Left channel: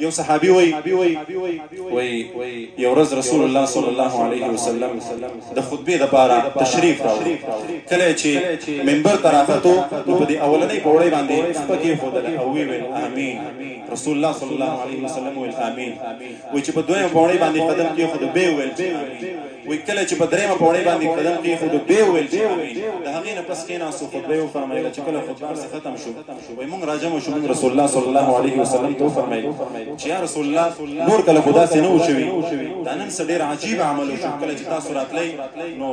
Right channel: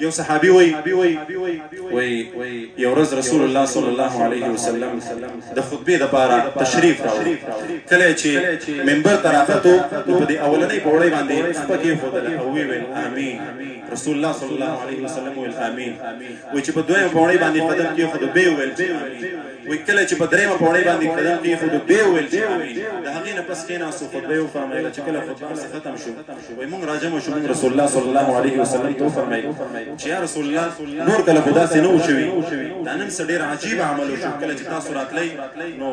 یو صحابي وي یو ورځ رسول الله صلی الله علیه وسلم د خطبې لپاره تشریف راوړ. کله چې منبر ته راختو نو په دې اولنۍ پوړۍ باندې خپه کېښودله او ویل امین. رسول الله صلی الله علیه وسلم ویل امین. وایي چې په دویمه پوړۍ باندې قدم کېښودو بیا یې ویل چې امین. وایي کله چې په درېیمه پوړۍ باندې قدم کېښودو بیا یې ویل چې امین. د هغې نه پس کېناستو خطبه یې وفرمایله چې کله خطبه ورڅخه ختم شو وایي موږ راجمع شو موږ رسول الله صلی الله علیه وسلم ته وفرمایل چې یا رسول الله نور کله خو داسې نه و شوي دا نن څه ډېر عجیب عمل وشو. کله چې تاسو راتلی نو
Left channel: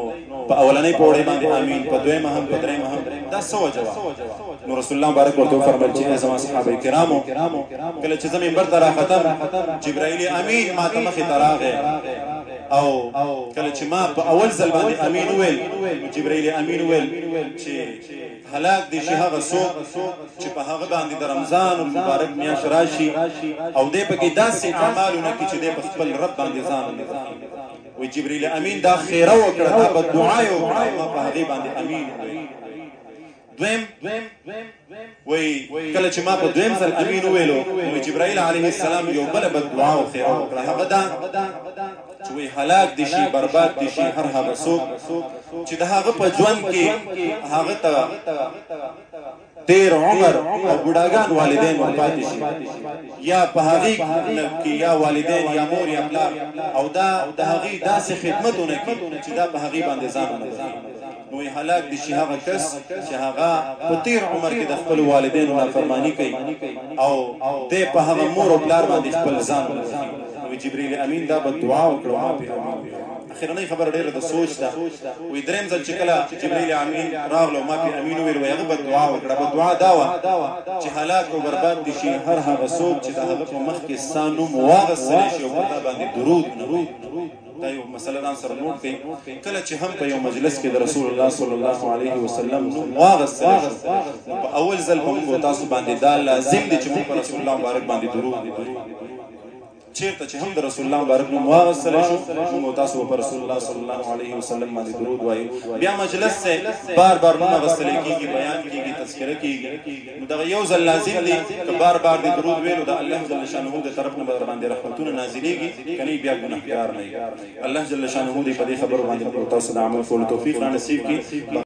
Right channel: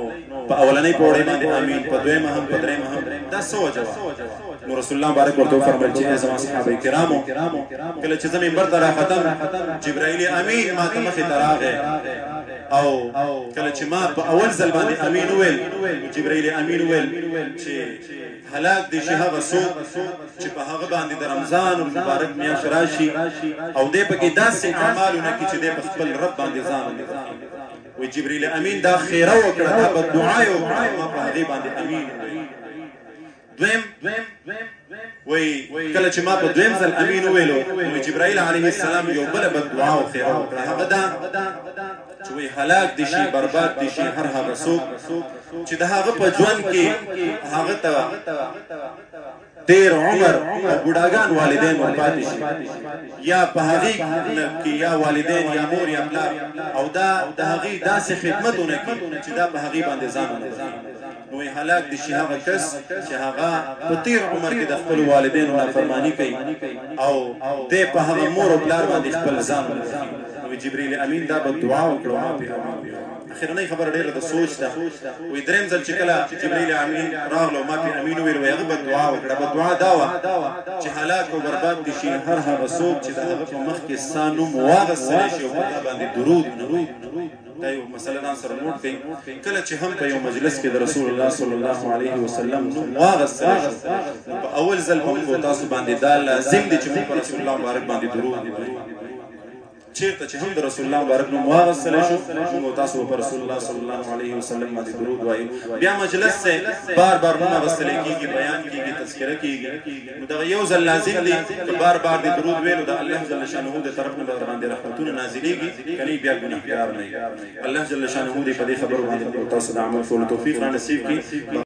په اولنۍ پوړۍ باندې امین، په دویمه هم په درېیمه هم، دا څه وجه وه؟ نو رسول الله مبارک ورته وفرمیل چې ای زما صحابه کرامو کله چې زه منبر ته راختم جبرائیل امین ما ته مخې ته راغی او کله چې ما په اول ځل باندې امین وویل جبرائیل امین وویل چې هلاک دي شي هغه څوک چې په هغه باندې د رمضان المبارک میاشت راشي او دی پکې داسې اعمالونه کوي چې دی په خپل رب باندې ځان وایي جبرائیل امین دا خیره وکړه دا بددعا یې وکړه ما په هغې باندې امین دویم وایي کله چې ما په دویم ځل امین وویلو نو جبرائیل علیه السلام یو بله بددعا او خیره وکړه هغه دا چې وایي هلاک دي شي برباد دي شي هر هغه څوک چې د هغه په ژوند کې هغه ته ډېر عمر او بوډاګان والدین ورپاتې شي یا په هغې کې یا والدین یا مور یا پلار او دا د هغې داسې خدمتونه کوي چې دا په هغې باندې ځان ونه بخښي. نو هلاک دي شي هغه کس چې هغه په تېر عمر کې د خپلو والدینو نافرماني کوي او دی په هغه مور او پلار باندې خپل ځان ونه بخښي. نو جبرائیل امین دا بددعا وکړه ما پرې اخرنۍ خبره ډېره د سوچ ده. وایي درېیم ځل چې کله جبرائیل امین راغله ما پرې امین وویل وایي هغه بددعا وکړه. بددعا دا وه چې هلاک او برباد دي شي هر هغه څوک چې د هغه په مخ کې ستا نوم واغستلی شي او په تا باندې درود نه دا یو مسله ځان سره نوټ کړئ. کله چې هم په یو مجلس کې د رسول الله صلی الله علیه وسلم نوم واغستلی شو په اول ځل به موږ تاسو باندې دا لازم دی چې موږ په رسول الله مبارک باندې درود ووایو. چیرته چې هم د رسول الله مبارک نوم واغستلی شو موږ تاسو په رسول الله صلی الله علیه وسلم باندې درود وایو. بیا مجلس ته بار بار نوم اغستلی کېږي، بیان کېږي، تذکره کېږي. نو دغه یو ځل لازم دی که بار بار د درود ویلو د الله جل شانه د طرف نه به باندې رحمتونه نازلېږي که نه بیا ګنهګار نه وي. الله جل شانه دې په دې خبرو باندې تاسو د عمل کولو توفیق را نصیب کړي.